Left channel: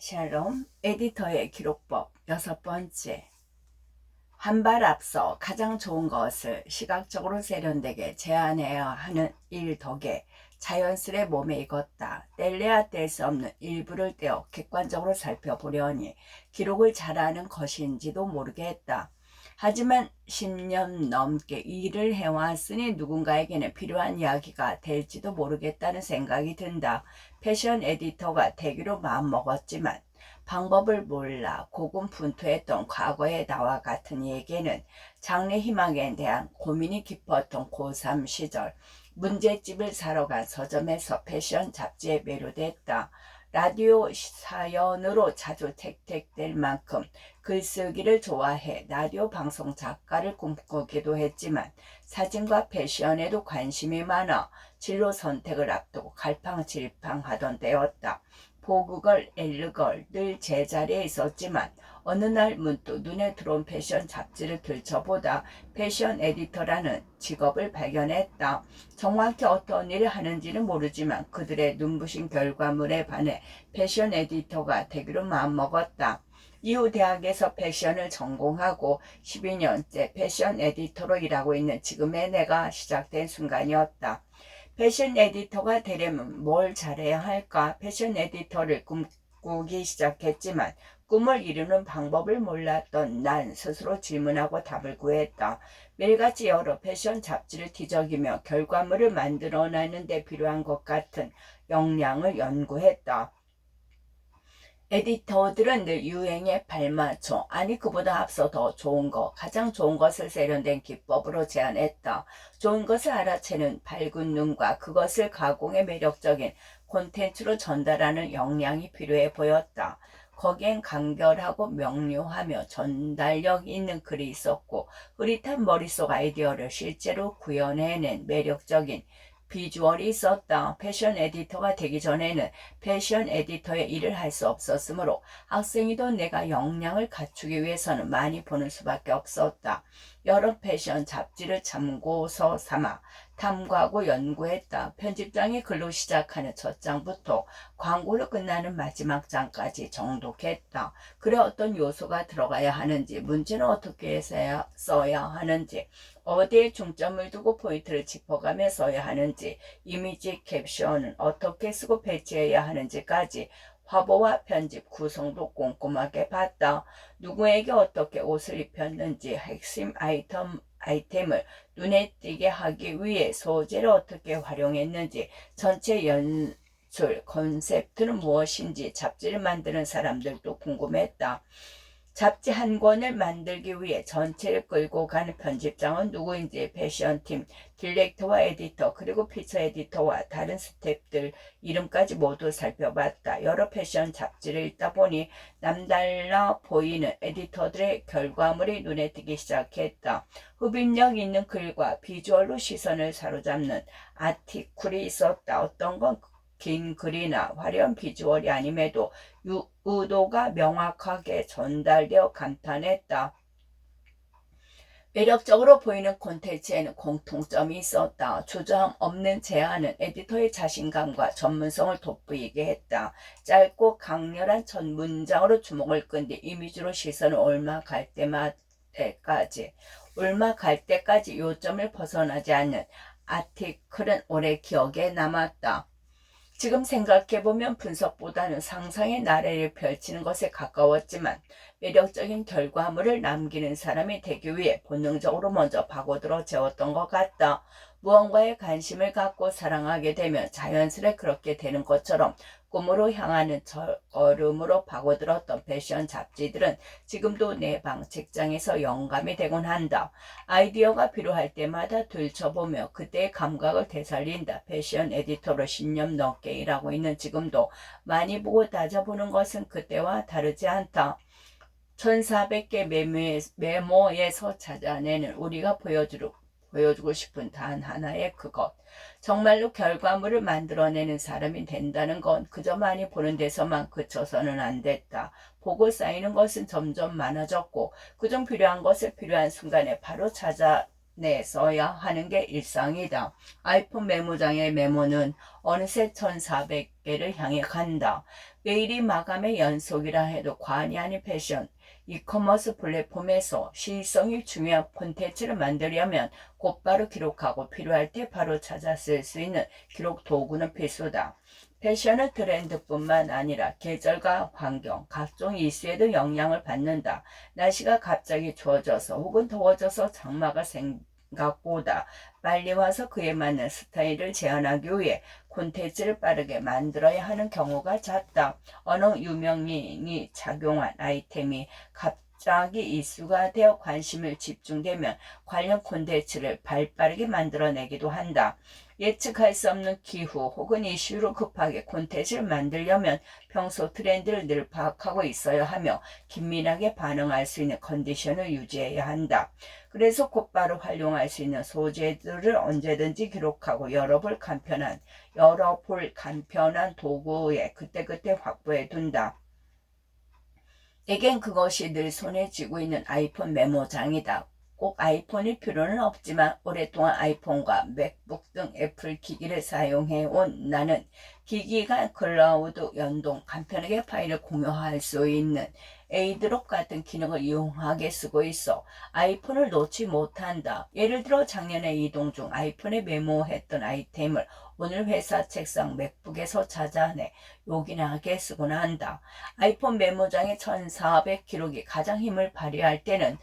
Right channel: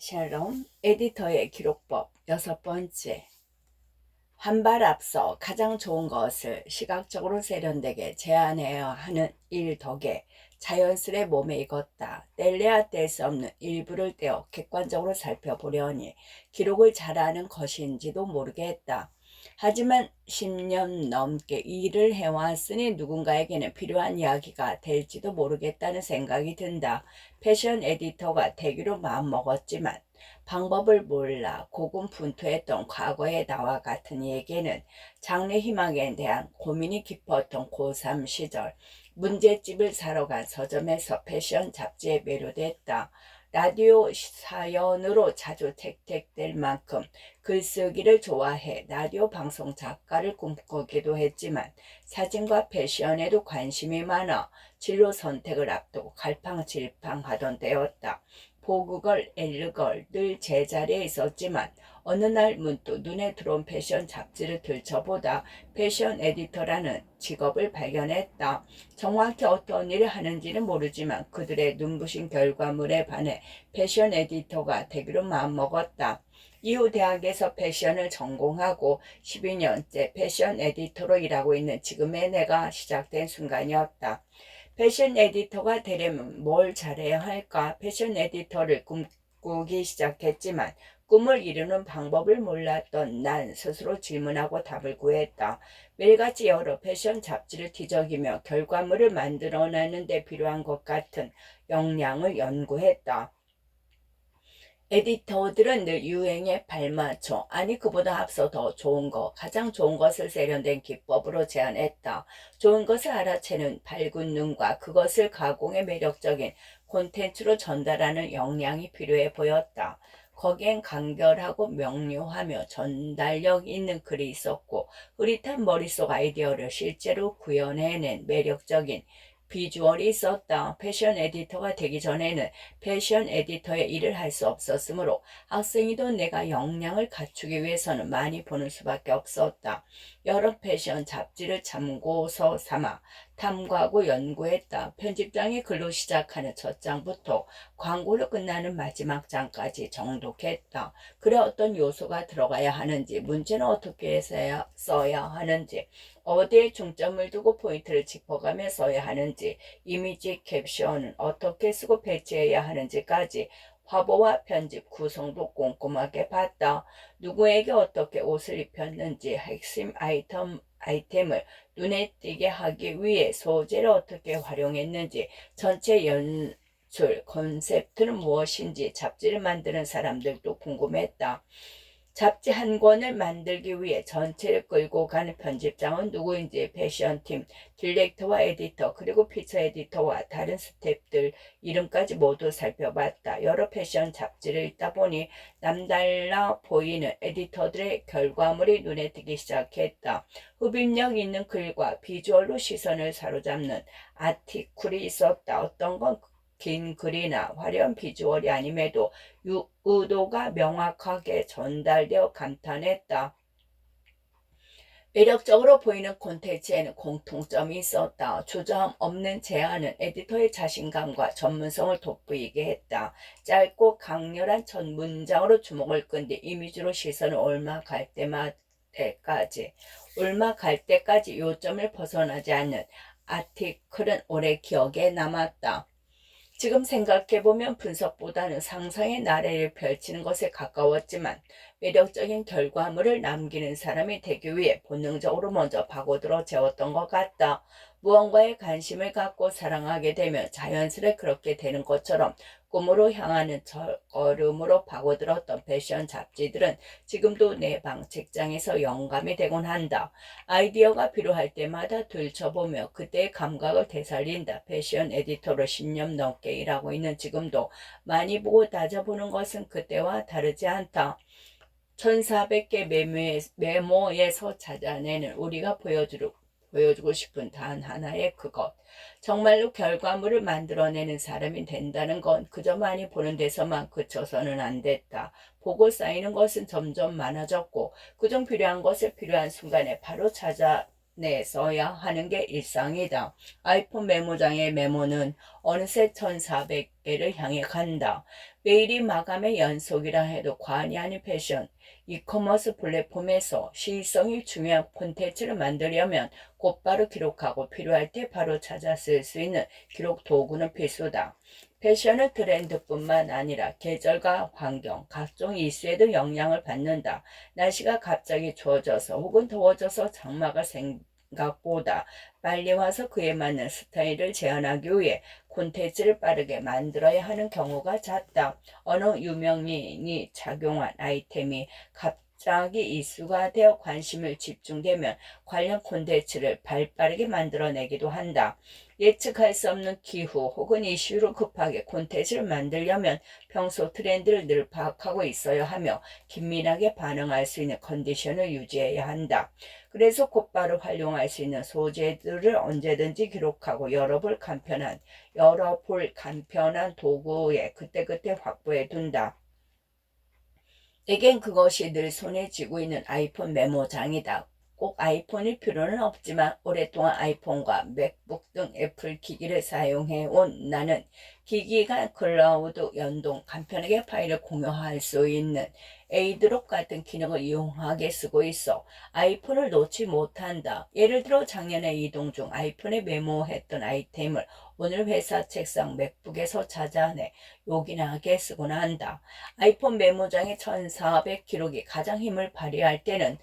샬롬 에디터의 기록법 6번째. 한 발 앞서 가장 좋은 것을 시각적으로 세련되게 제안해야 하는 일 덕에 자연스레 몸에 익었다. 뗄래야 뗄 수 없는 일부를 떼어 객관적으로 살펴보려니 기록을 잘하는 것인지도 모르게 했다. 하지만 10년 넘게 일을 해왔으니 누군가에게는 필요한 이야기가 될지도 모르겠다는 생각이 든다. 패션 에디터가 되기로 마음먹었지만 방법을 몰라 고군분투했던 과거의 나와 같은 이에게는 장래 희망에 대한 고민이 깊었던 고3 시절, 문제집을 사러 간 서점에서 패션 잡지에 매료됐다. 라디오 사연으로 자주 택택될 만큼 글쓰기를 좋아해 라디오 방송 작가를 꿈꾸기도 했지만 사진과 패션에도 관심이 많아 진로 선택을 앞두고 갈팡질팡하던 때였다. 보그걸, 엘르걸 늘 제자리에 있었지만 어느 날 문득 눈에 들어온 패션 잡지를 들춰보다 패션 에디터라는 직업을 발견했다. 정확히 어떤 일을 하는지는 모르지만 그들의 눈부신 결과물에 반해 패션 에디터가 되기로 마음먹었다. 이후 대학에서 패션을 전공하고 12년째 패션 에디터로 일하고 있는 지금의 내가 시작된 순간이었다. 패션 에디터가 되려면 뭘 잘해야 할까? 패션 에디터를 꿈꾸기 시작했지만 꿈을 이루는 방법을 몰랐던 난 스스로 질문하고 답을 구했다. 매일같이 여러 패션 잡지를 뒤적이며 결과물을 만들어내는 데 필요한 것 같은 역량을 연구했다. 에디터들은 늘 유행에 발맞춰, 아니 그보다 앞서 더 좋은 것, 가장 좋은 것을 세련된 기법으로 제안했다. 좋은 것을 알아채는 밝은 눈과 그것을 가공해 매력적인 콘텐츠로 전달하는 역량이 필요해 보였다. 거기엔 간결하고 명료하며 전달력 있는 글이 있었고 흐릿한 머릿속 아이디어를 실제로 구현해낸 매력적인 비주얼이 있었다. 패션 에디터가 되기 전에는 패션 에디터의 일을 할 수 없었으므로 학생이던 내가 역량을 갖추기 위해서는 많이 보는 수밖에 없었다. 여러 패션 잡지를 참고서 삼아 탐구하고 연구했다. 편집장이 글로 시작하는 첫 장부터 광고로 끝나는 마지막 장까지 정독했다. 글에 어떤 요소가 들어가야 하는지, 문제는 어떻게 써야 하는지, 어디에 중점을 두고 포인트를 짚어가며 써야 하는지, 이미지 캡션은 어떻게 쓰고 배치해야 하는지까지 화보와 편집, 구성도 꼼꼼하게 봤다. 누구에게 어떻게 옷을 입혔는지, 핵심 아이템을 눈에 띄게 하기 위해 소재를 어떻게 활용했는지, 전체 연출, 컨셉트는 무엇인지 잡지를 만드는 사람들도 궁금했다. 잡지 한 권을 만들기 위해 전체를 끌고 가는 편집장은 누구인지 패션팀, 디렉터와 에디터, 그리고 피처 에디터와 다른 스태프들 이름까지 모두 살펴봤다. 여러 패션 잡지를 읽다 보니 남달라 보이는 에디터들의 결과물이 눈에 띄기 시작했다. 흡입력 있는 글과 비주얼로 시선을 사로잡는 아티클이 있었다. 어떤 건 긴 글이나 화려한 비주얼이 아님에도 의도가 명확하게 전달되어 감탄했다. 매력적으로 보이는 콘텐츠에는 공통점이 있었다. 주저함 없는 제안은 에디터의 자신감과 전문성을 돋보이게 했다. 짧고 강렬한 첫 문장으로 주목을 끈 뒤 이미지로 시선을 올라갈 때까지 요점을 벗어나지 않는 아티클은 오래 기억에 남았다. 지금 생각해보면 분석보다는 상상의 나래를 펼치는 것에 가까웠지만 매력적인 결과물을 남기는 사람이 되기 위해 본능적으로 먼저 파고들어 재웠던 것 같다. 무언가에 관심을 갖고 사랑하게 되면 자연스레 그렇게 되는 것처럼 꿈으로 향하는 첫걸음으로 파고들었던 패션 잡지들은 지금도 내 방 책장에서 영감이 되곤 한다. 아이디어가 필요할 때마다 들춰보며 그때의 감각을 되살린다. 패션 에디터로 10년 넘게 일하고 있는 지금도 많이 보고 따져보는 것은 그때와 다르지 않다. 1400개 메모에서 찾아내는 우리가 보여주고 싶은 단 하나의 그것. 정말로 결과물을 만들어내는 사람이 된다는 건 그저 많이 보는 데서만 그쳐서는 안 됐다. 보고 쌓이는 것은 점점 많아졌고 그중 필요한 것을 필요한 순간에 바로 찾아내는 써야 하는 게 일상이다. 아이폰 메모장의 메모는 어느새 1400개를 향해 간다. 매일이 마감의 연속이라 해도 과언이 아닌 패션. 이커머스 플랫폼에서 시의성이 중요한 콘텐츠를 만들려면 곧바로 기록하고 필요할 때 바로 찾아 쓸 수 있는 기록 도구는 필수다. 패션은 트렌드뿐만 아니라 계절과 환경, 각종 이슈에도 영향을 받는다. 날씨가 갑자기 추워져서 혹은 더워져서 장마가 생각보다 빨리 와서 그에 맞는 스타일을 제안하기 위해 콘텐츠를 빠르게 만들어야 하는 경우가 잦다. 어느 유명인이 착용한 아이템이 갑자기 이슈가 되어 관심을 집중되면 관련 콘텐츠를 발빠르게 만들어내기도 한다. 예측할 수 없는 기후 혹은 이슈로 급하게 콘텐츠를 만들려면 평소 트렌드를 늘 파악하고 있어야 하며 긴밀하게 반응할 수 있는 컨디션을 유지해야 한다. 그래서 곧바로 활용할 수 있는 소재들을 언제든지 기록하고 여러 볼 간편한 도구에 그때그때 확보해 둔다. 내겐 그것이 늘 손에 쥐고 있는 아이폰 메모장이다. 꼭 아이폰일 필요는 없지만 오랫동안 아이폰과 맥북 등 애플 기기를 사용해온 나는 기기가 클라우드 연동, 간편하게 파일을 공유할 수 있는 에이드롭 같은 기능을 이용하게 쓰고 있어 아이폰을 놓지 못한다. 예를 들어 작년에 이동 중 아이폰에 메모했던 아이템을 오늘 회사 책상 맥북에서 찾아내 요긴하게 쓰곤 한다. 아이폰 메모장의 1400 기록이 가장 힘을 발휘할 때는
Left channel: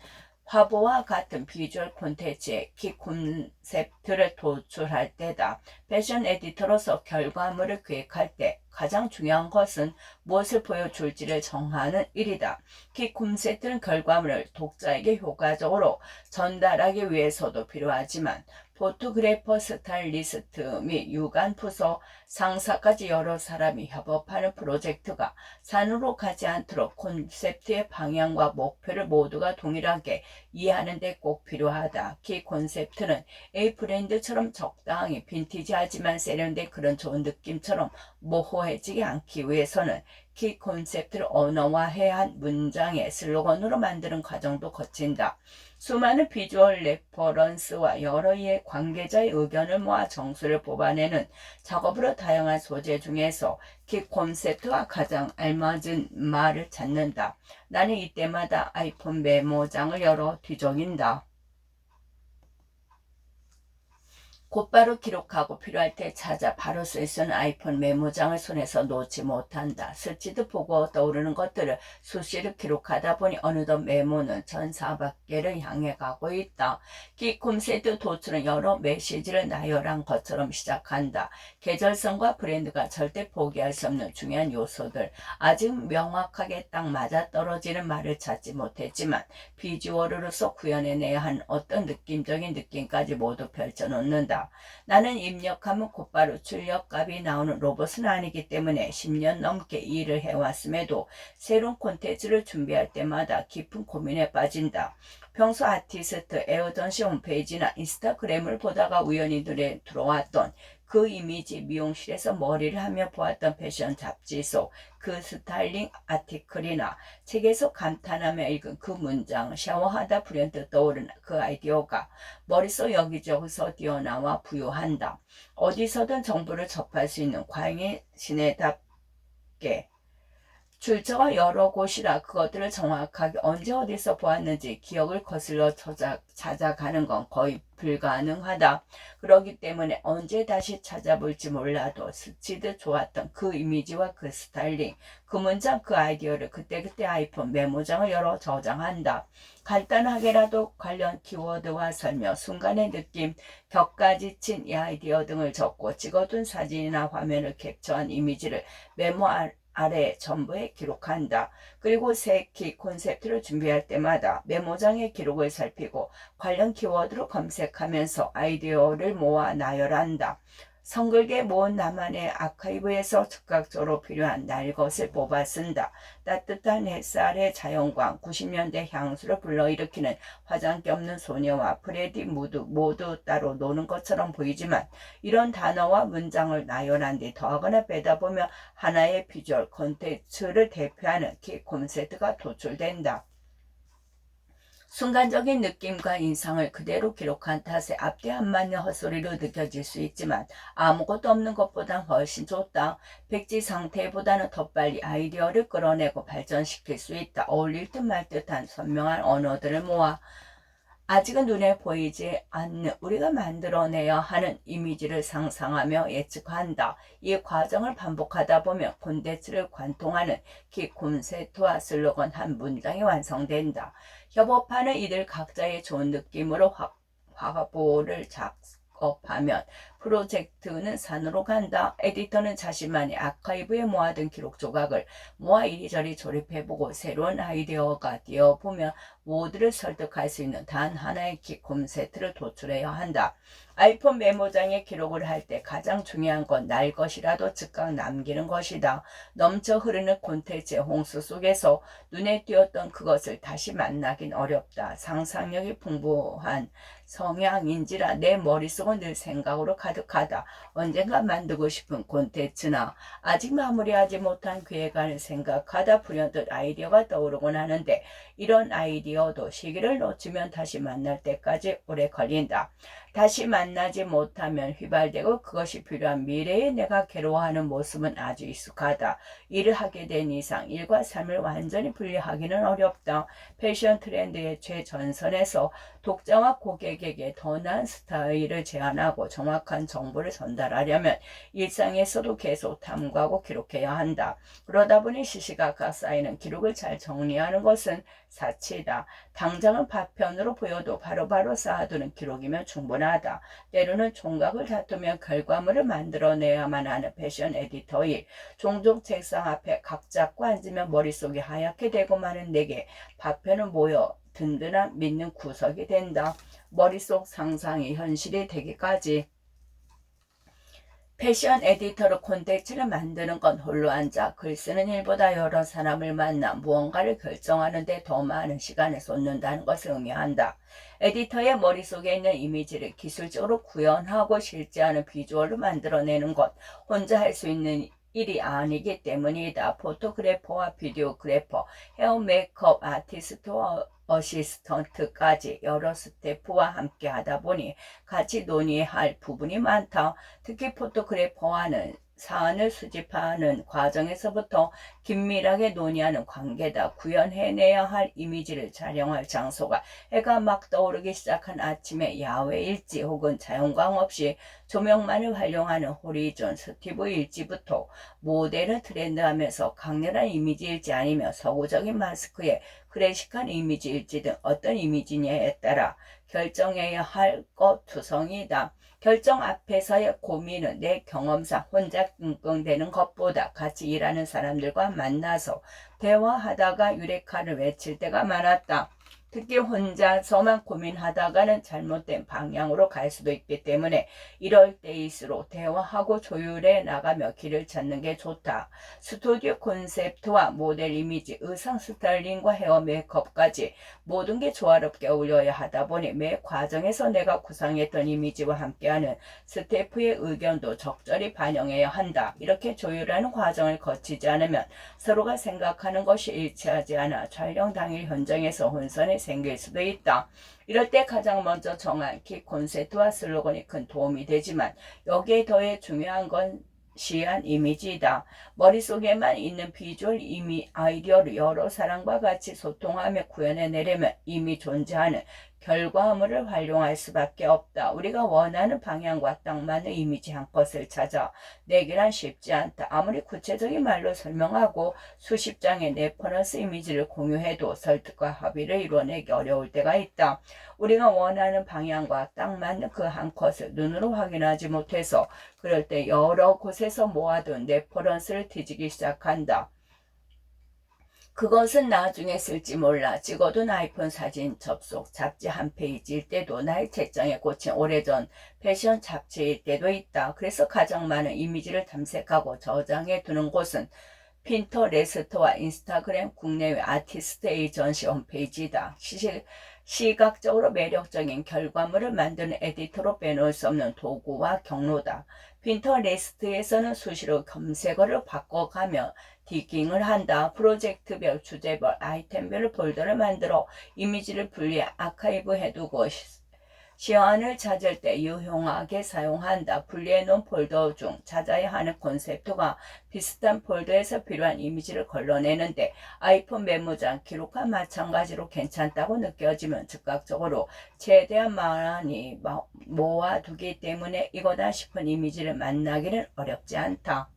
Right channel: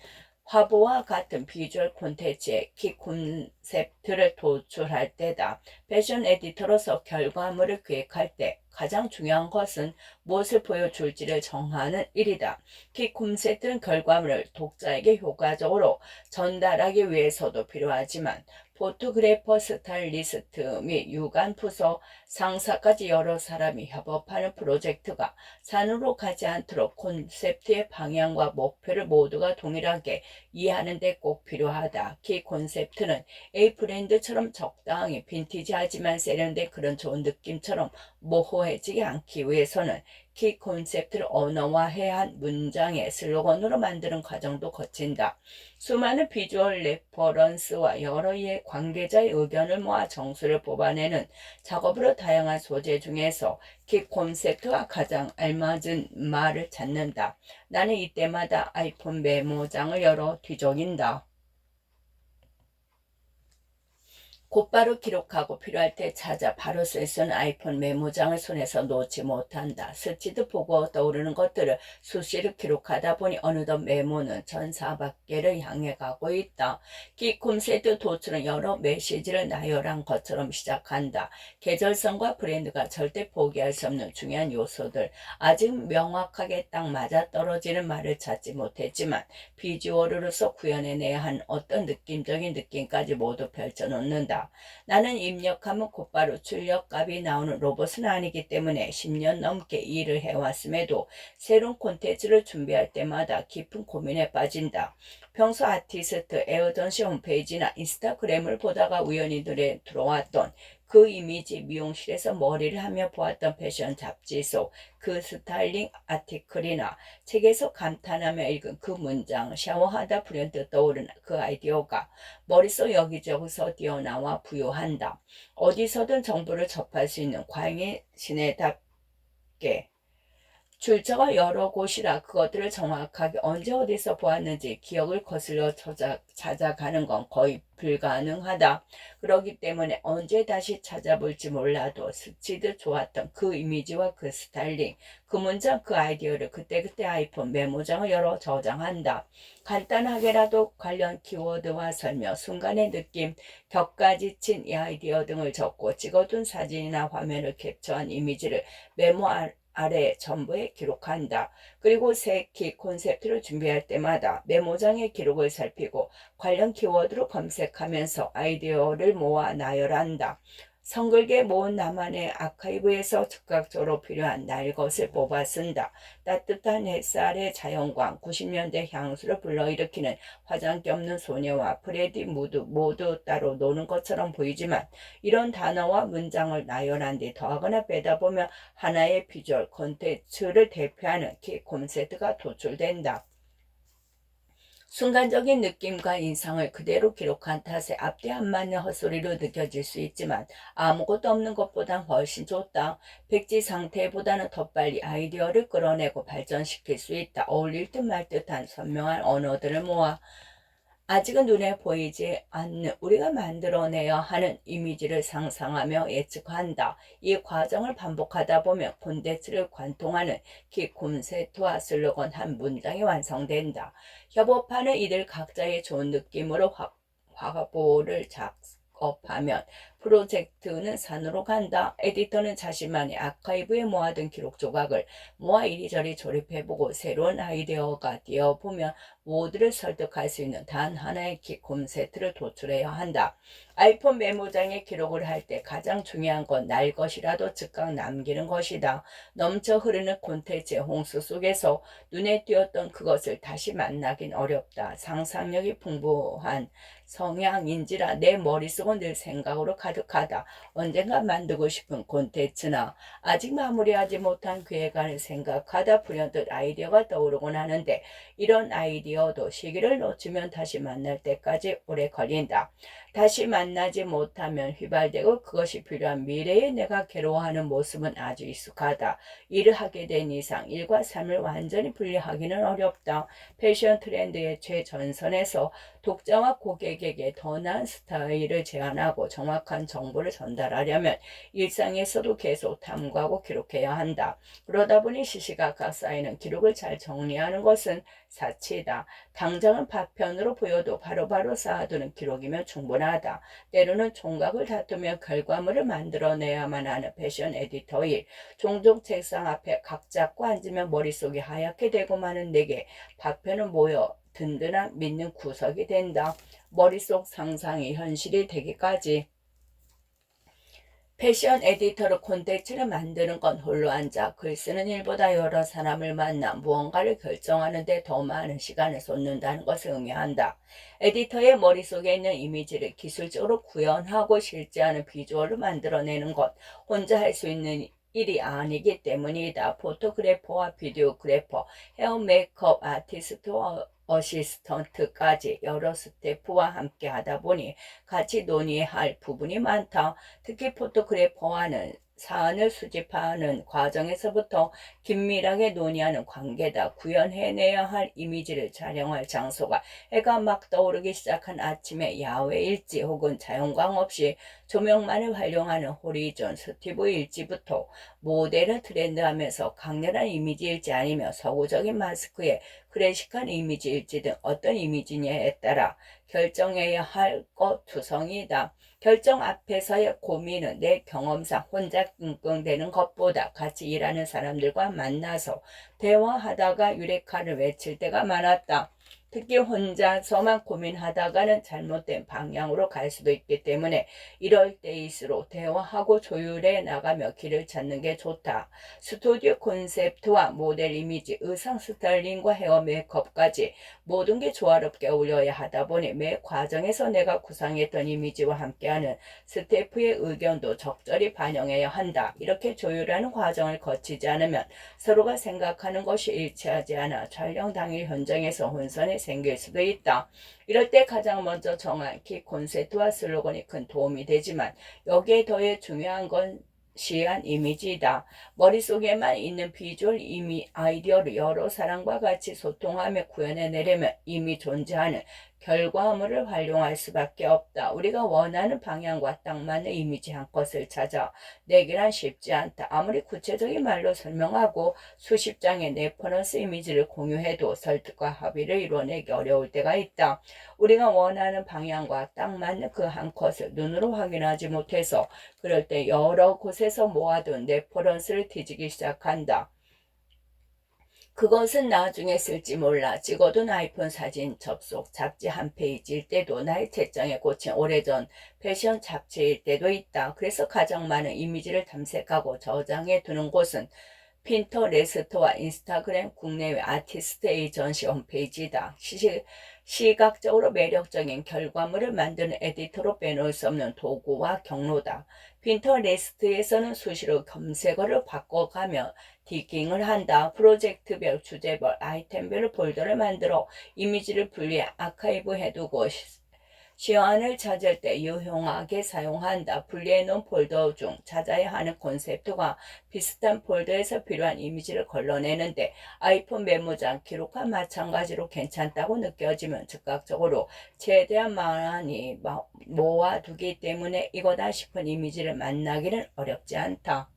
화보와 같은 비주얼 콘텐츠의 키 콘셉트를 도출할 때다. 패션 에디터로서 결과물을 기획할 때 가장 중요한 것은 무엇을 보여줄지를 정하는 일이다. 키 콘셉트는 결과물을 독자에게 효과적으로 전달하기 위해서도 필요하지만 포토그래퍼, 스타일리스트 및 유관 부서 상사까지 여러 사람이 협업하는 프로젝트가 산으로 가지 않도록 콘셉트의 방향과 목표를 모두가 동일하게 이해하는 데 꼭 필요하다. 키 콘셉트는 A 브랜드처럼 적당히 빈티지하지만 세련된 그런 좋은 느낌처럼 모호해지지 않기 위해서는 키 콘셉트를 언어화해야 한 문장의 슬로건으로 만드는 과정도 거친다. 수많은 비주얼 레퍼런스와 여러 이해 관계자의 의견을 모아 정수를 뽑아내는 작업으로 다양한 소재 중에서 키 콘셉트와 가장 알맞은 말을 찾는다. 나는 이때마다 아이폰 메모장을 열어 뒤적인다. 곧바로 기록하고 필요할 때 찾아 바로 쓸 수 있는 아이폰 메모장을 손에서 놓지 못한다. 스치듯 보고 떠오르는 것들을 수시로 기록하다 보니 어느덧 메모는 1400개를 향해 가고 있다. 키 콘셉트 도출은 여러 메시지를 나열한 것처럼 시작한다. 계절성과 브랜드가 절대 포기할 수 없는 중요한 요소들. 아직 명확하게 딱 맞아떨어지는 말을 찾지 못했지만 비주얼로서 구현해내야 한 어떤 느낌적인 느낌까지 모두 펼쳐놓는다. 나는 입력하면 곧바로 출력값이 나오는 로봇은 아니기 때문에 10년 넘게 일을 해왔음에도 새로운 콘텐츠를 준비할 때마다 깊은 고민에 빠진다. 평소 아티스트 에어전시 홈페이지나 인스타그램을 보다가 우연히 눈에 들어왔던 그 이미지, 미용실에서 머리를 하며 보았던 패션 잡지 속 그 스타일링 아티클이나 책에서 감탄하며 읽은 그 문장, 샤워하다 불현듯 떠오른 그 아이디어가 머릿속 여기저기서 뛰어나와 부여한다. 어디서든 정보를 접할 수 있는 과잉의 시내답게 출처가 여러 곳이라 그것들을 정확하게 언제 어디서 보았는지 기억을 거슬러 찾아가는 건 거의 불가능하다. 그렇기 때문에 언제 다시 찾아볼지 몰라도 스치듯 좋았던 그 이미지와 그 스타일링, 그 문장, 그 아이디어를 그때그때 아이폰 메모장을 열어 저장한다. 간단하게라도 관련 키워드와 설명, 순간의 느낌, 격가 지친 이 아이디어 등을 적고 찍어둔 사진이나 화면을 캡처한 이미지를 메모 아래 전부에 기록한다. 그리고 새 키 콘셉트를 준비할 때마다 메모장의 기록을 살피고 관련 키워드로 검색하면서 아이디어를 모아 나열한다. 성글게 모은 나만의 아카이브에서 즉각적으로 필요한 날 것을 뽑아 쓴다. 따뜻한 햇살의 자연광, 90년대 향수를 불러일으키는 화장기 없는 소녀와 프레디 모두 따로 노는 것처럼 보이지만 이런 단어와 문장을 나열한 뒤 더하거나 빼다 보면 하나의 비주얼 콘텐츠를 대표하는 키 콘셉트가 도출된다. 순간적인 느낌과 인상을 그대로 기록한 탓에 앞뒤 안 맞는 헛소리로 느껴질 수 있지만 아무것도 없는 것보단 훨씬 좋다. 백지 상태보다는 더 빨리 아이디어를 끌어내고 발전시킬 수 있다. 어울릴 듯 말 듯한 선명한 언어들을 모아 아직은 눈에 보이지 않는 우리가 만들어내야 하는 이미지를 상상하며 예측한다. 이 과정을 반복하다 보면 콘텐츠를 관통하는 키 콘셉트와 슬로건 한 문장이 완성된다. 협업하는 이들 각자의 좋은 느낌으로 화보를 작업하면 프로젝트는 산으로 간다. 에디터는 자신만의 아카이브에 모아둔 기록 조각을 모아 이리저리 조립해보고 새로운 아이디어가 되어보면 모두를 설득할 수 있는 단 하나의 키 콘셉트를 도출해야 한다. 아이폰 메모장에 기록을 할 때 가장 중요한 건 날 것이라도 즉각 남기는 것이다. 넘쳐 흐르는 콘텐츠의 홍수 속에서 눈에 띄었던 그것을 다시 만나긴 어렵다. 상상력이 풍부한 성향인지라 내 머릿속은 늘 생각으로 가득하다. 언젠가 만들고 싶은 콘텐츠나 아직 마무리하지 못한 계획안을 생각하다 불현듯 아이디어가 떠오르곤 하는데 이런 아이디어도 시기를 놓치면 다시 만날 때까지 오래 걸린다. 다시 만나지 못하면 휘발되고 그것이 필요한 미래의 내가 괴로워하는 모습은 아주 익숙하다. 일을 하게 된 이상 일과 삶을 완전히 분리하기는 어렵다. 패션 트렌드의 최전선에서 독자와 고객에게 더 나은 스타일을 제안하고 정확한 정보를 전달하려면 일상에서도 계속 탐구하고 기록해야 한다. 그러다 보니 시시각각 쌓이는 기록을 잘 정리하는 것은 사치다. 당장은 파편으로 보여도 바로바로 쌓아두는 기록이면 충분하다. 때로는 총각을 다투며 결과물을 만들어내야만 하는 패션 에디터 일. 종종 책상 앞에 각 잡고 앉으면 머릿속이 하얗게 되고 마는 내게 파편은 모여 든든한 믿는 구석이 된다. 머릿속 상상이 현실이 되기까지. 패션 에디터로 콘텐츠를 만드는 건 홀로 앉아 글 쓰는 일보다 여러 사람을 만나 무언가를 결정하는 데 더 많은 시간을 쏟는다는 것을 의미한다. 에디터의 머릿속에 있는 이미지를 기술적으로 구현하고 실제하는 비주얼로 만들어내는 것 혼자 할 수 있는 일이 아니기 때문이다. 포토그래퍼와 비디오그래퍼, 헤어 메이크업 아티스트와 어시스턴트까지 여러 스태프와 함께 하다 보니 같이 논의할 부분이 많다. 특히 포토그래퍼와는 사안을 수집하는 과정에서부터 긴밀하게 논의하는 관계다. 구현해내야 할 이미지를 촬영할 장소가 해가 막 떠오르기 시작한 아침에 야외 일지 혹은 자연광 없이 조명만을 활용하는 호리존 스티브 일지부터 모델을 트렌드하면서 강렬한 이미지 일지 아니면 서구적인 마스크에 클래식한 이미지 일지 등 어떤 이미지냐에 따라 결정해야 할 것 투성이다. 결정 앞에서의 고민은 내 경험상 혼자 끙끙대는 것보다 같이 일하는 사람들과 만나서 대화하다가 유레카를 외칠 때가 많았다. 특히 혼자서만 고민하다가는 잘못된 방향으로 갈 수도 있기 때문에 이럴 때일수록 대화하고 조율해 나가며 길을 찾는 게 좋다. 스튜디오 콘셉트와 모델 이미지, 의상 스타일링과 헤어 메이크업까지 모든 게 조화롭게 어울려야 하다 보니 매 과정에서 내가 구상했던 이미지와 함께하는 스태프의 의견도 적절히 반영해야 한다. 이렇게 조율하는 과정을 거치지 않으면 서로가 생각하는 것이 일치하지 않아 촬영 당일 현장에서 혼선이 생길 수도 있다. 이럴 때 가장 먼저 정한 키 콘셉트와 슬로건이 큰 도움이 되지만 여기에 더해 중요한 건 시한 이미지이다. 머릿속에만 있는 비주얼 아이디어를 여러 사람과 같이 소통하며 구현해내려면 이미 존재하는 결과물을 활용할 수밖에 없다. 우리가 원하는 방향과 딱 맞는 이미지 한 컷을 찾아 내기란 쉽지 않다. 아무리 구체적인 말로 설명하고 수십 장의 레퍼런스 이미지를 공유해도 설득과 합의를 이뤄내기 어려울 때가 있다. 우리가 원하는 방향과 딱 맞는 그 한 컷을 눈으로 확인하지 못해서 그럴 때 여러 곳에서 모아둔 레퍼런스를 뒤지기 시작한다. 그것은 나중에 쓸지 몰라. 찍어둔 아이폰 사진 접속 잡지 한 페이지일 때도 나의 책장에 꽂힌 오래전 패션 잡지일 때도 있다. 그래서 가장 많은 이미지를 탐색하고 저장해 두는 곳은 핀터레스트와 인스타그램 국내외 아티스트 에이전시 홈페이지다. 시각적으로 매력적인 결과물을 만드는 에디터로 빼놓을 수 없는 도구와 경로다. 핀터레스트에서는 수시로 검색어를 바꿔가며 디깅을 한다. 프로젝트별, 주제별, 아이템별 폴더를 만들어 이미지를 분리해 아카이브 해두고 시안을 찾을 때 유용하게 사용한다. 분리해놓은 폴더 중 찾아야 하는 콘셉트가 비슷한 폴더에서 필요한 이미지를 걸러내는데 아이폰 메모장 기록과 마찬가지로 괜찮다고 느껴지면 즉각적으로 최대한 많이 모아두기 때문에 이거다 싶은 이미지를 만나기는 어렵지 않다.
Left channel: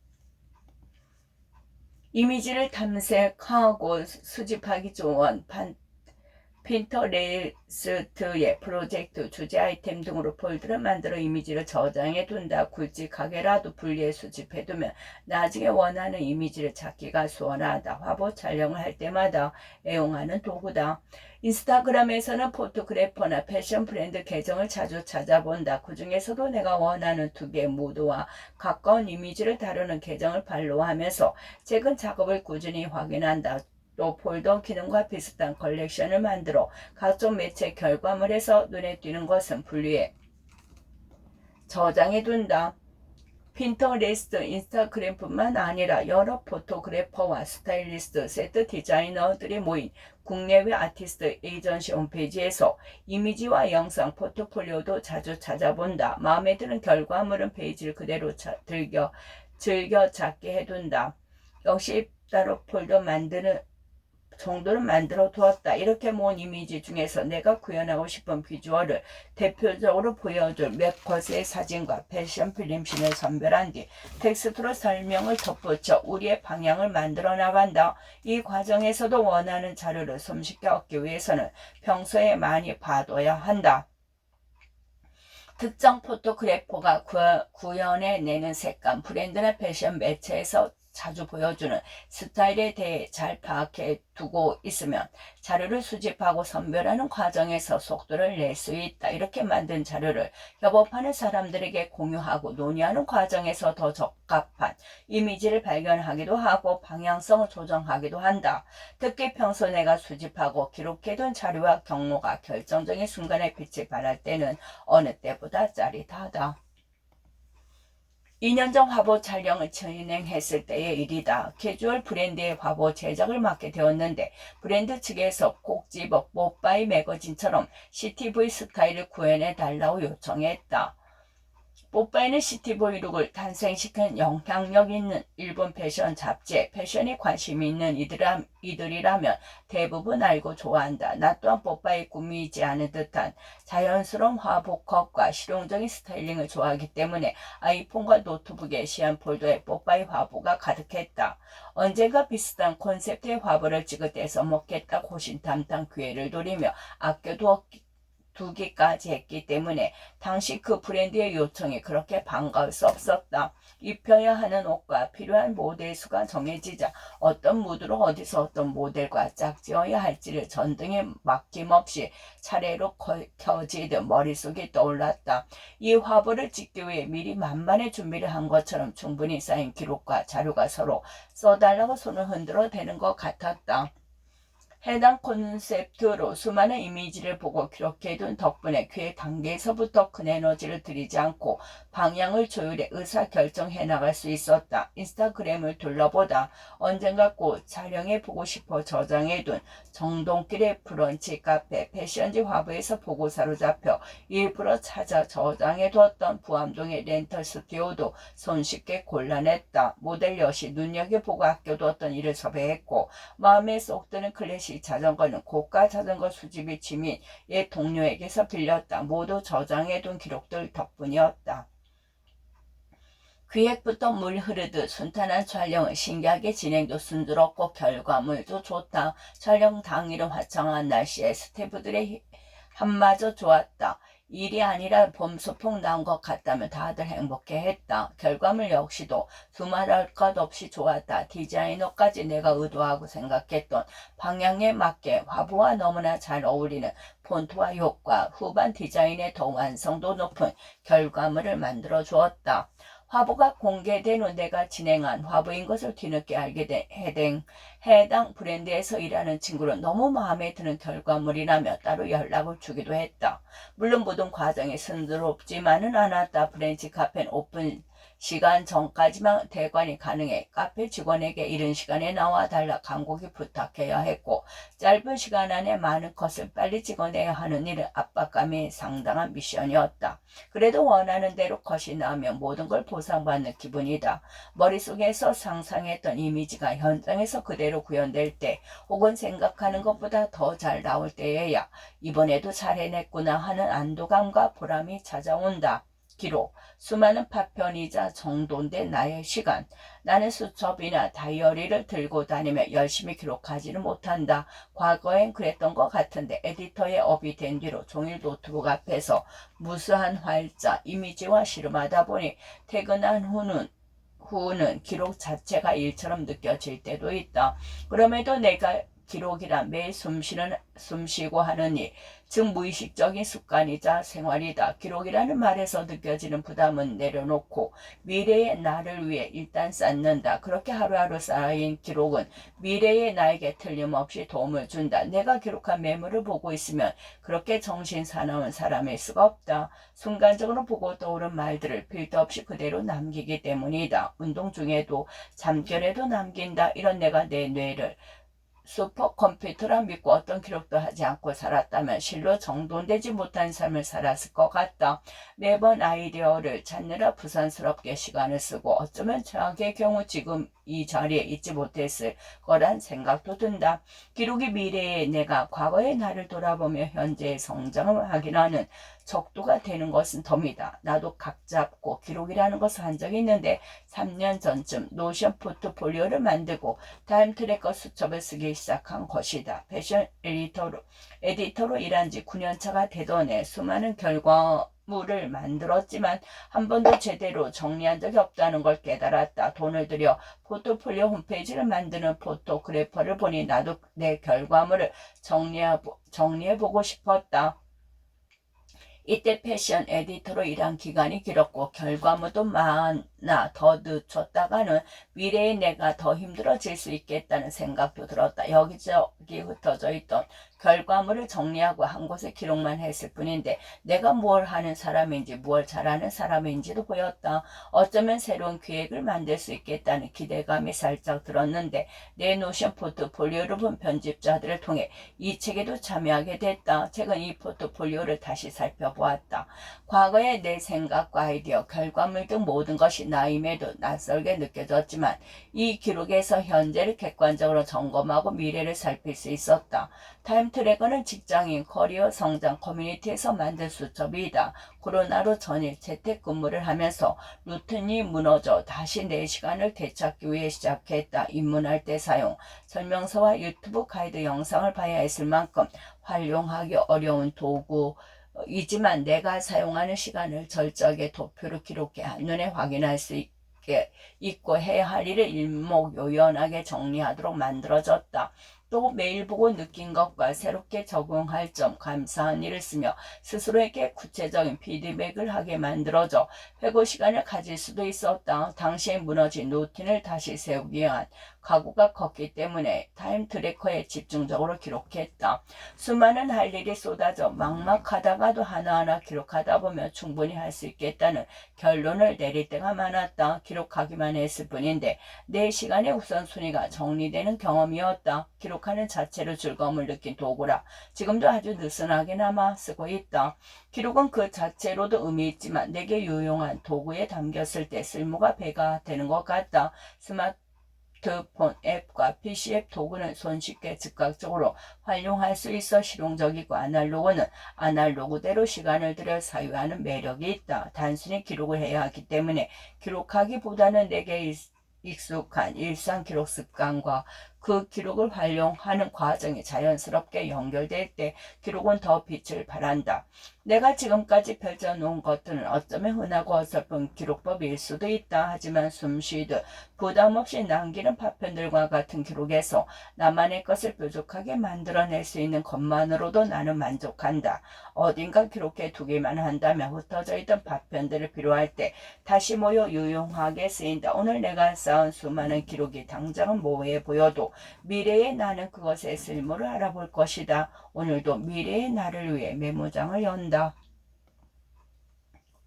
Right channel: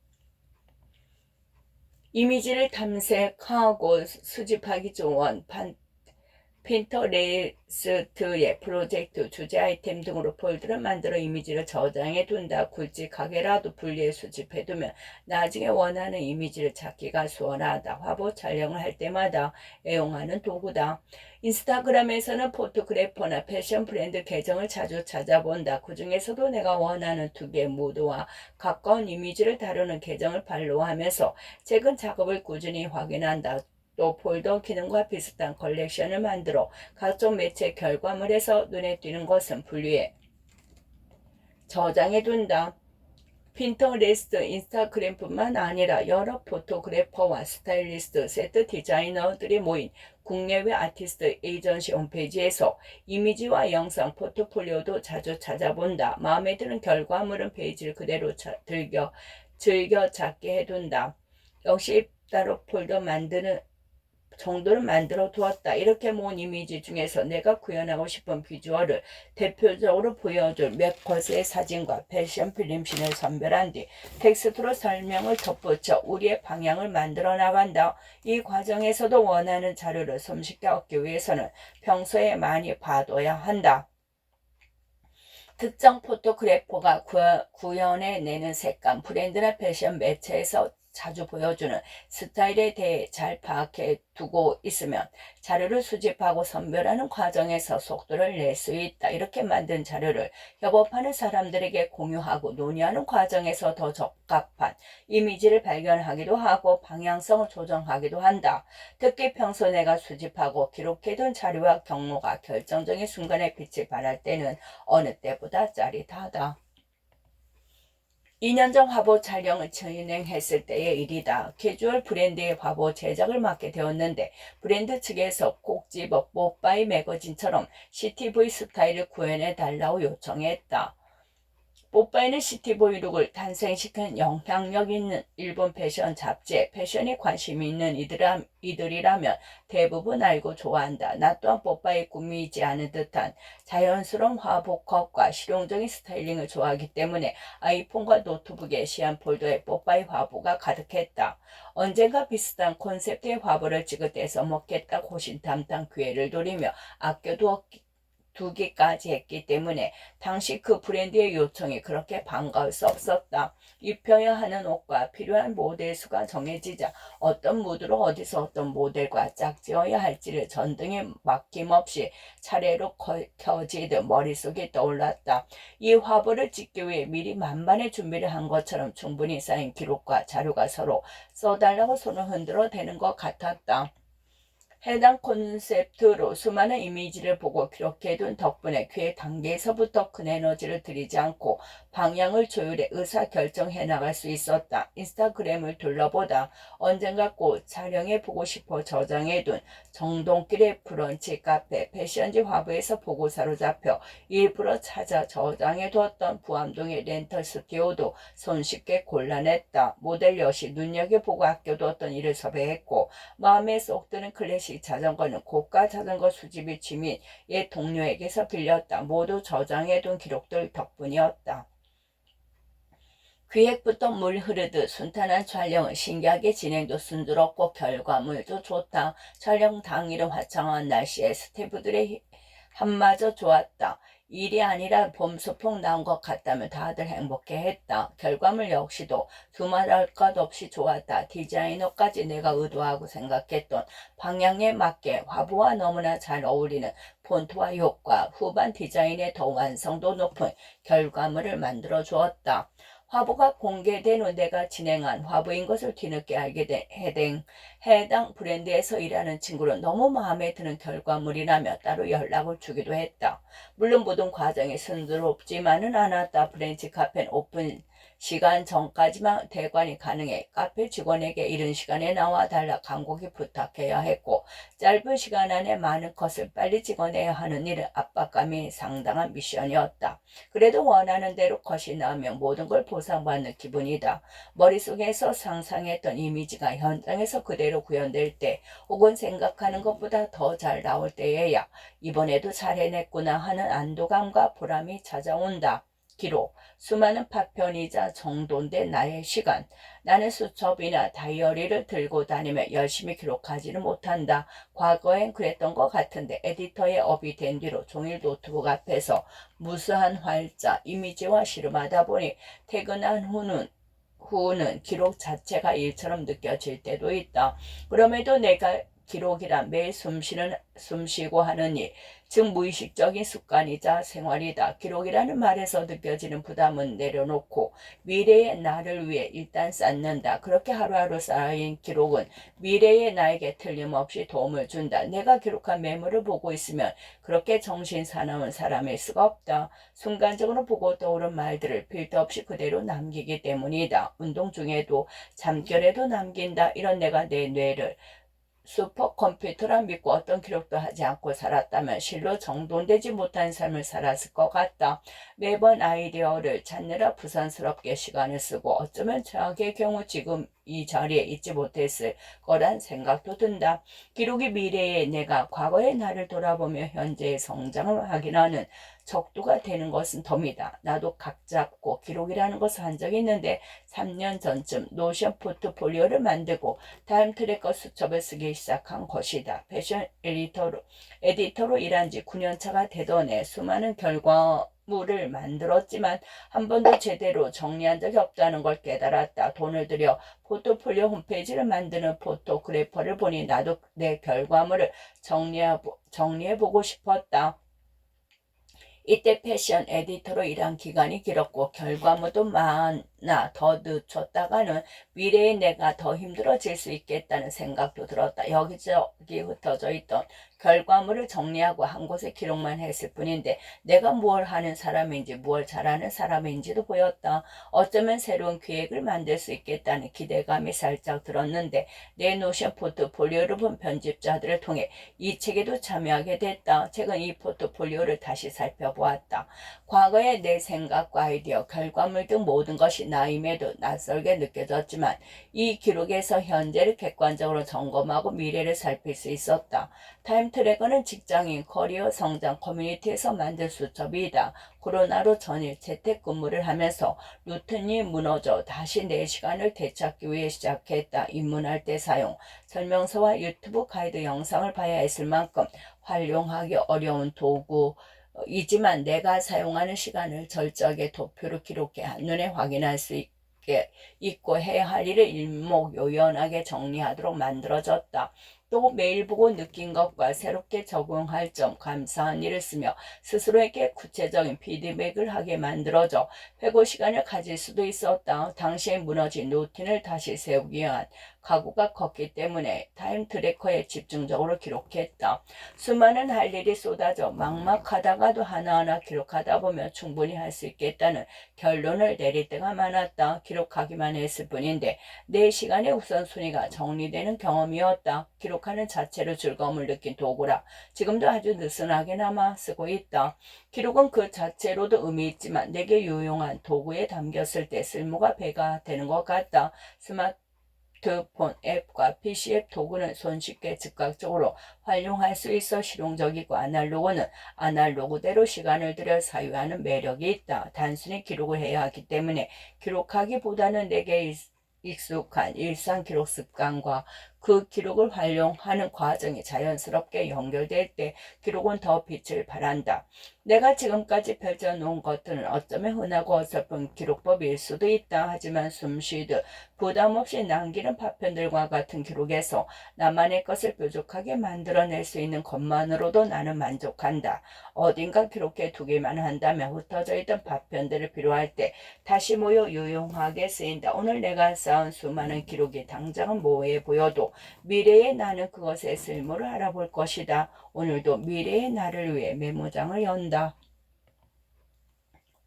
이미지를 탐색하고 수집하기 좋은 핀터레스트의 프로젝트, 주제 아이템 등으로 폴더를 만들어 이미지를 저장해 둔다. 굵직하게라도 분리해 수집해 두면 나중에 원하는 이미지를 찾기가 수월하다. 화보 촬영을 할 때마다 애용하는 도구다. 인스타그램에서는 포토그래퍼나 패션 브랜드 계정을 자주 찾아본다. 그 중에서도 내가 원하는 두 개의 무드와 가까운 이미지를 다루는 계정을 팔로우하면서 최근 작업을 꾸준히 확인한다. 또 폴더 기능과 비슷한 컬렉션을 만들어 각종 매체 결과물에서 눈에 띄는 것은 분리해 저장해 둔다. 핀터레스트, 인스타그램뿐만 아니라 여러 포토그래퍼와 스타일리스트, 세트 디자이너들이 모인 국내외 아티스트 에이전시 홈페이지에서 이미지와 영상, 포트폴리오도 자주 찾아본다. 마음에 드는 결과물은 페이지를 그대로 즐겨 찾게 해둔다. 역시 따로 폴더 만드는 정도를 만들어 두었다. 이렇게 모은 이미지 중에서 내가 구현하고 싶은 비주얼을 대표적으로 보여줄 몇 컷의 사진과 패션 필름씬을 선별한 뒤 텍스트로 설명을 덧붙여 우리의 방향을 만들어 나간다. 이 과정에서도 원하는 자료를 손쉽게 얻기 위해서는 평소에 많이 봐둬야 한다. 특정 포토그래퍼가 구현해내는 색감, 브랜드나 패션 매체에서 자주 보여주는 스타일에 대해 잘 파악해 두고 있으면 자료를 수집하고 선별하는 과정에서 속도를 낼 수 있다. 이렇게 만든 자료를 협업하는 사람들에게 공유하고 논의하는 과정에서 더 적합한 이미지를 발견하기도 하고 방향성을 조정하기도 한다. 특히 평소 내가 수집하고 기록해둔 자료와 경로가 결정적인 순간에 빛을 발할 때는 어느 때보다 짜릿하다. 2년 전 화보 촬영을 진행했을 때의 일이다. 캐주얼 브랜드의 화보 제작을 맡게 되었는데 브랜드 측에서 꼭 집어 뽀빠이 매거진처럼 CTV 스타일을 구현해 달라고 요청했다. 뽀빠이는 시티보이 룩을 탄생시킨 영향력 있는 일본 패션 잡지에 패션에 관심이 있는 이들이라면 대부분 알고 좋아한다. 나 또한 뽀빠이 꾸미지 않은 듯한 자연스러운 화보컷과 실용적인 스타일링을 좋아하기 때문에 아이폰과 노트북에 시안 폴더에 뽀빠이 화보가 가득했다. 언젠가 비슷한 콘셉트의 화보를 찍을 때 써먹겠다 호신탐탐 기회를 노리며 두기까지 했기 때문에 당시 그 브랜드의 요청이 그렇게 반가울 수 없었다. 입혀야 하는 옷과 필요한 모델 수가 정해지자 어떤 무드로 어디서 어떤 모델과 짝지어야 할지를 전등에 막힘없이 차례로 켜지듯 머릿속에 떠올랐다. 이 화보를 찍기 위해 미리 만반의 준비를 한 것처럼 충분히 쌓인 기록과 자료가 서로 써달라고 손을 흔들어 대는 것 같았다. 해당 콘셉트로 수많은 이미지를 보고 기록해둔 덕분에 그 단계에서부터 큰 에너지를 들이지 않고 방향을 조율해 의사결정해 나갈 수 있었다. 인스타그램을 둘러보다 언젠가 꼭 촬영해보고 싶어 저장해둔 정동길의 브런치 카페 패션지 화보에서 보고 사로잡혀 일부러 찾아 저장해두었던 부암동의 렌털 스튜디오도 손쉽게 골라냈다. 모델 여시 눈여겨보고 아껴두었던 이를 섭외했고 마음에 쏙 드는 클래식 자전거는 고가 자전거 수집이 취미인 옛 동료에게서 빌렸다. 모두 저장해둔 기록들 덕분이었다. 기획부터 물 흐르듯 순탄한 촬영은 신기하게 진행도 순조롭고 결과물도 좋다. 촬영 당일은 화창한 날씨에 스태프들의 한마저 좋았다. 일이 아니라 봄 소풍 나온 것 같다며 다들 행복해했다. 결과물 역시도 두말할 것 없이 좋았다. 디자이너까지 내가 의도하고 생각했던 방향에 맞게 화보와 너무나 잘 어울리는 폰트와 효과, 후반 디자인의 더 완성도 높은 결과물을 만들어 주었다. 화보가 공개된 후 내가 진행한 화보인 것을 뒤늦게 알게 된 해당 브랜드에서 일하는 친구는 너무 마음에 드는 결과물이라며 따로 연락을 주기도 했다. 물론 모든 과정이 순조롭지만은 않았다. 브랜치 카페는 오픈 시간 전까지만 대관이 가능해 카페 직원에게 이른 시간에 나와 달라 간곡히 부탁해야 했고 짧은 시간 안에 많은 컷을 빨리 찍어내야 하는 일은 압박감이 상당한 미션이었다. 그래도 원하는 대로 컷이 나오면 모든 걸 보상받는 기분이다. 머릿속에서 상상했던 이미지가 현장에서 그대로 구현될 때 혹은 생각하는 것보다 더 잘 나올 때에야 이번에도 잘 해냈구나 하는 안도감과 보람이 찾아온다. 기록, 수많은 파편이자 정돈된 나의 시간. 나는 수첩이나 다이어리를 들고 다니며 열심히 기록하지는 못한다. 과거엔 그랬던 것 같은데 에디터의 업이 된 뒤로 종일 노트북 앞에서 무수한 활자, 이미지와 씨름하다 보니 퇴근한 후는 기록 자체가 일처럼 느껴질 때도 있다. 그럼에도 내가 기록이란 매일 숨쉬고 하는 일, 즉 무의식적인 습관이자 생활이다. 기록이라는 말에서 느껴지는 부담은 내려놓고 미래의 나를 위해 일단 쌓는다. 그렇게 하루하루 쌓인 기록은 미래의 나에게 틀림없이 도움을 준다. 내가 기록한 메모를 보고 있으면 그렇게 정신 사나운 사람일 수가 없다. 순간적으로 보고 떠오른 말들을 필요 없이 그대로 남기기 때문이다. 운동 중에도 잠결에도 남긴다. 이런 내가 내 뇌를 슈퍼컴퓨터라 믿고 어떤 기록도 하지 않고 살았다면 실로 정돈되지 못한 삶을 살았을 것 같다. 매번 아이디어를 찾느라 부산스럽게 시간을 쓰고 어쩌면 최악의 경우 지금 이 자리에 있지 못했을 거란 생각도 든다. 기록이 미래의 내가 과거의 나를 돌아보며 현재의 성장을 확인하는 척도가 되는 것은 덤이다. 나도 각 잡고 기록이라는 것을 한 적이 있는데 3년 전쯤 노션 포트폴리오를 만들고 타임 트래커 수첩을 쓰기 시작한 것이다. 패션 에디터로 일한 지 9년차가 되던 해 수많은 결과물을 만들었지만 한 번도 제대로 정리한 적이 없다는 걸 깨달았다. 돈을 들여 포트폴리오 홈페이지를 만드는 포토그래퍼를 보니 나도 내 결과물을 정리해보고 싶었다. 이때 패션 에디터로 일한 기간이 길었고 결과물도 많아 더 늦췄다가는 미래의 내가 더 힘들어질 수 있겠다는 생각도 들었다. 여기저기 흩어져 있던 결과물을 정리하고 한 곳에 기록만 했을 뿐인데 내가 뭘 하는 사람인지 뭘 잘하는 사람인지도 보였다. 어쩌면 새로운 기획을 만들 수 있겠다는 기대감이 살짝 들었는데 내 노션 포트폴리오를 본 편집자들을 통해 이 책에도 참여하게 됐다. 최근 이 포트폴리오를 다시 살펴보았다. 과거의 내 생각과 아이디어, 결과물 등 모든 것이 나임에도 낯설게 느껴졌지만 이 기록에서 현재를 객관적으로 점검하고 미래를 살필 수 있었다. 타임트래커는 직장인, 커리어, 성장, 커뮤니티에서 만든 수첩이다. 코로나로 전일 재택근무를 하면서 루틴이 무너져 다시 내 시간을 되찾기 위해 시작했다. 입문할 때 사용, 설명서와 유튜브 가이드 영상을 봐야 했을 만큼 활용하기 어려운 도구이지만 내가 사용하는 시간을 절적의 도표로 기록해 한눈에 확인할 수 있게 있고 해야 할 일을 일목요연하게 정리하도록 만들어졌다. 또 매일 보고 느낀 것과 새롭게 적용할 점, 감사한 일을 쓰며 스스로에게 구체적인 피드백을 하게 만들어져 회고 시간을 가질 수도 있었다. 당시에 무너진 루틴을 다시 세우기 위한 각오가 컸기 때문에 타임 트래커에 집중적으로 기록했다. 수많은 할 일이 쏟아져 막막하다가도 하나하나 기록하다 보면 충분히 할 수 있겠다는 결론을 내릴 때가 많았다. 기록하기만 했을 뿐인데 내 시간의 우선순위가 정리되는 경험이었다. 기록하는 자체로 즐거움을 느낀 도구라 지금도 아주 느슨하게 남아 쓰고 있다. 기록은 그 자체로도 의미 있지만 내게 유용한 도구에 담겼을 때 쓸모가 배가 되는 것 같다. 스마트폰 앱과 PC 앱 도구는 손쉽게 즉각적으로 활용할 수 있어 실용적이고 아날로그는 아날로그대로 시간을 들여 사유하는 매력이 있다. 단순히 기록을 해야 하기 때문에 기록하기보다는 내게 익숙한 일상 기록 습관과 그 기록을 활용하는 과정이 자연스럽게 연결될 때 기록은 더 빛을 발한다. 내가 지금까지 펼쳐놓은 것들은 어쩌면 흔하고 어설픈 기록법일 수도 있다. 하지만 숨쉬듯 부담 없이 남기는 파편들과 같은 기록에서 나만의 것을 뾰족하게 만들어낼 수 있는 것만으로도 나는 만족한다. 어딘가 기록해 두기만 한다면 흩어져 있던 파편들을 필요할 때 다시 모여 유용하게 쓰인다. 오늘 내가 쌓은 수많은 기록이 당장은 모호해 보여도 미래의 나는 그것의 쓸모를 알아볼 것이다. 오늘도 미래의 나를 위해 메모장을 연다.